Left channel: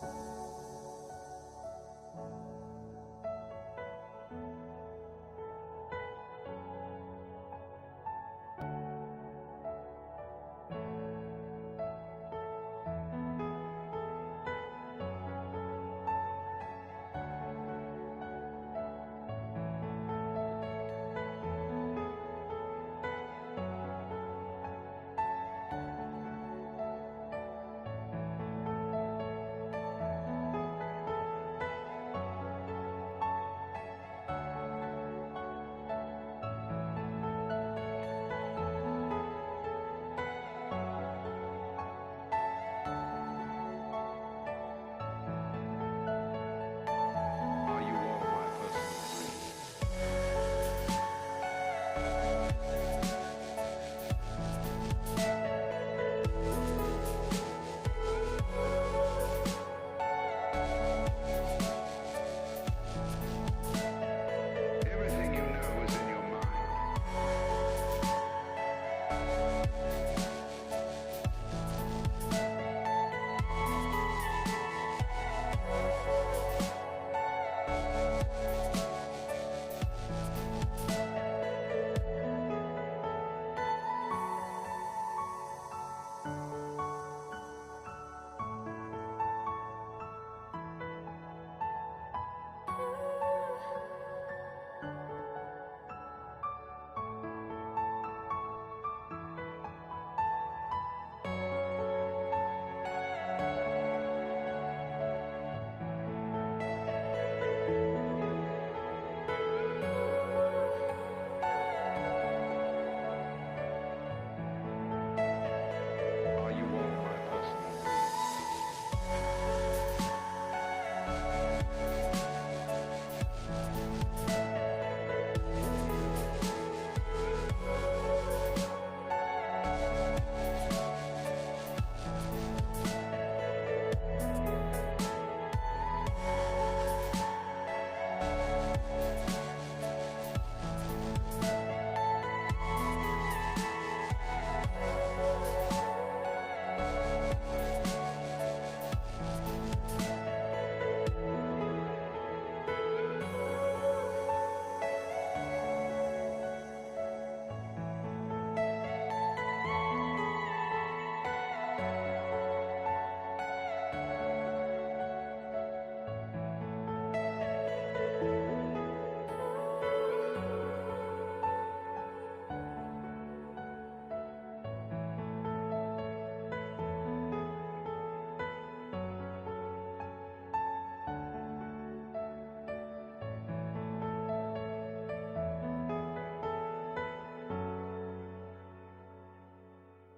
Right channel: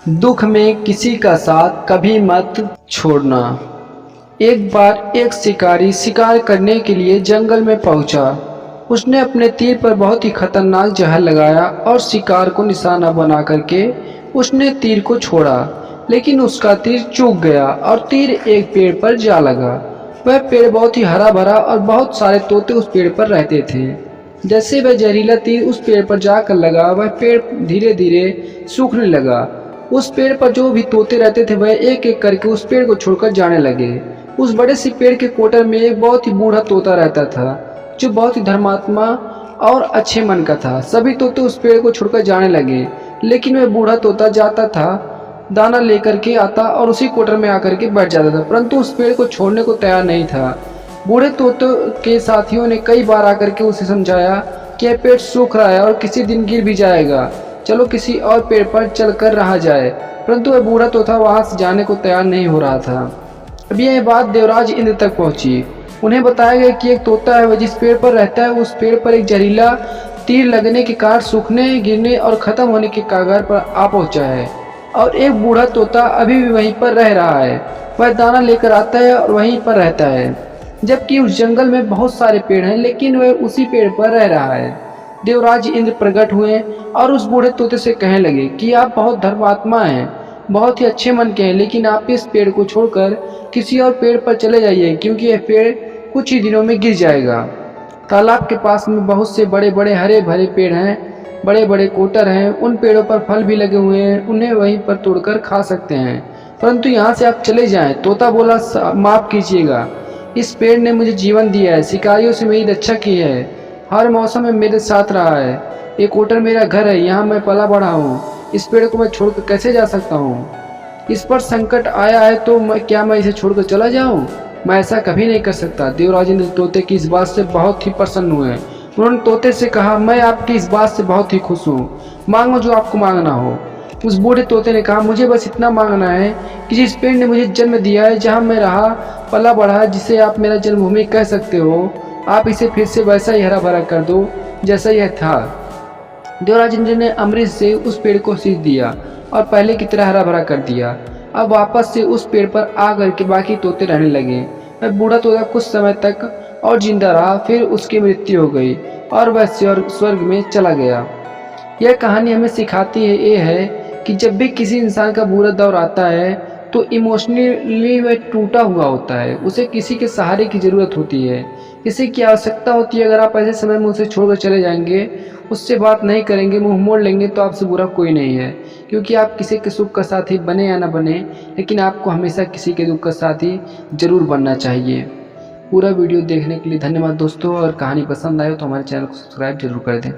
दुख में किसी का साथ कभी मत छोड़ना। एक बार एक शिकारी शिकार करने के लिए जंगल में पहुंचा। उसने अपने तीर पर बहुत ही खतरनाक जहर लगाया और शिकार को निशाना बना करके उसने तीर को छोड़ा, लेकिन उसका तीर चूक गया और तीर एक पेड़ पर जा लगा। वह पेड़ बहुत ही हरा भरा और बहुत सारे तोते उस पेड़ पर रहते थे। जैसे वह जहरीला तीर उस पेड़ पर जाकर लगा, वह पेड़ धीरे धीरे सूखने लगा। उस पेड़ पर जो भी तोते रहते थे वह एक एक करके उस पेड़ को छोड़कर जाने लगे। उस बड़े से पेड़ के कोटर में एक बहुत ही बूढ़ा तोता रहता था, जो बहुत ही धर्मात्मा और अच्छे मन का था। सभी तोते उस पेड़ को छोड़कर जाने लगे, लेकिन वह बूढ़ा तोता जाता था, दाना लेकर के आता और उसी कोटर में आकर के बैठ जाता था, परंतु उस पेड़ को छोड़ने को तैयार नहीं था। बूढ़े तोते के साथियों ने कई बार आकर के उसे समझाया कि यह पेड़ सूख रहा है और किसी दिन गिर भी जाएगा, चलो किसी और पेड़ पर चलकर रहा जाए, परंतु वह बूढ़ा तोता वहां से जाने को तैयार नहीं हो रहा था। अब यह बात देवराज इंद्र तक पहुंची। उन्हें बताया गया कि एक तोता है, वह जिस पेड़ पर रहता है उस पेड़ पर एक जहरीला तीर लगने के कारण सूखने, गिरने और खत्म होने के कगार पर आ पहुंचा है, और एक बूढ़ा तोता अभी भी वहीं पर रह रहा है। वह दाना लेकर आता है और वहीं पर रहता है, जबकि उस जंगल में बहुत सारे पेड़ हैं, लेकिन वह उसी पेड़ पर रह रहा है। देवराज इंद्र प्रकट हुए और उस बूढ़े तोते से कहने लगे कि आप बहुत धर्मात्मा हैं, बहुत ही अच्छे मन के हैं, लेकिन आप इस पेड़ को छोड़कर किसी और पेड़ पर चले जाइए, क्योंकि यह पेड़ कुछ ही दिनों में गिर जाएगा। तालाब के पास में बहुत से बड़े बड़े हरे भरे पेड़ हैं, बड़े बड़े कोटर हैं, उन पेड़ों पर फल भी लगे हुए हैं, उन्हें वहीं पर तोड़कर खा सकते हैं, परंतु यहाँ से आप चले जाएं। तोता बोला, माफ़ कीजिएगा, इस पेड़ ने मुझे जीवन दिया है, शिकारियों से मेरी रक्षा की है, हर मौसम में मेरे साथ रहा है, ये कोटर मेरा घर है, यहाँ मैं पला बढ़ा हूँ, इस पेड़ को मैं छोड़कर कैसे जा सकता हूँ? इस पर संकट आया है तो मैं इसे छोड़कर चला जाऊँ? मैं ऐसा कभी नहीं कर सकता। देवराज इंद्र तोते की इस बात से बहुत ही प्रसन्न हुए। उन्होंने तोते से कहा, मैं आपकी इस बात से बहुत ही खुश हूँ, मांगो जो आपको मांगना हो। उस बूढ़े तोते ने कहा, मुझे बस इतना मांगना है कि जिस पेड़ ने मुझे जन्म दिया है, जहाँ मैं रहा पला बढ़ा, जिसे आप मेरा जन्मभूमि कह सकते हो, आप इसे फिर से वैसा ही हरा भरा कर दो जैसा यह था। देवराज इंद्र ने अमृत से उस पेड़ को सींच दिया और पहले की तरह हरा भरा कर दिया। अब वापस से उस पेड़ पर आ करके बाकी तोते रहने लगे। वह बूढ़ा तोता कुछ समय तक और जिंदा रहा, फिर उसकी मृत्यु हो गई और वह स्वर्ग में चला गया। यह कहानी हमें सिखाती है ये है कि जब भी किसी इंसान का बुरा दौर आता है तो इमोशनली वह टूटा हुआ होता है, उसे किसी के सहारे की ज़रूरत होती है, किसी की आवश्यकता होती है। अगर आप ऐसे समय में उसे छोड़कर चले जाएंगे, उससे बात नहीं करेंगे, मुंह मोड़ लेंगे, तो आपसे बुरा कोई नहीं है, क्योंकि आप किसी के सुख का साथी बने या ना बने, लेकिन आपको हमेशा किसी के दुख का साथी जरूर बनना चाहिए। पूरा वीडियो देखने के लिए धन्यवाद दोस्तों, और कहानी पसंद आए तो हमारे चैनल को सब्सक्राइब जरूर कर दें।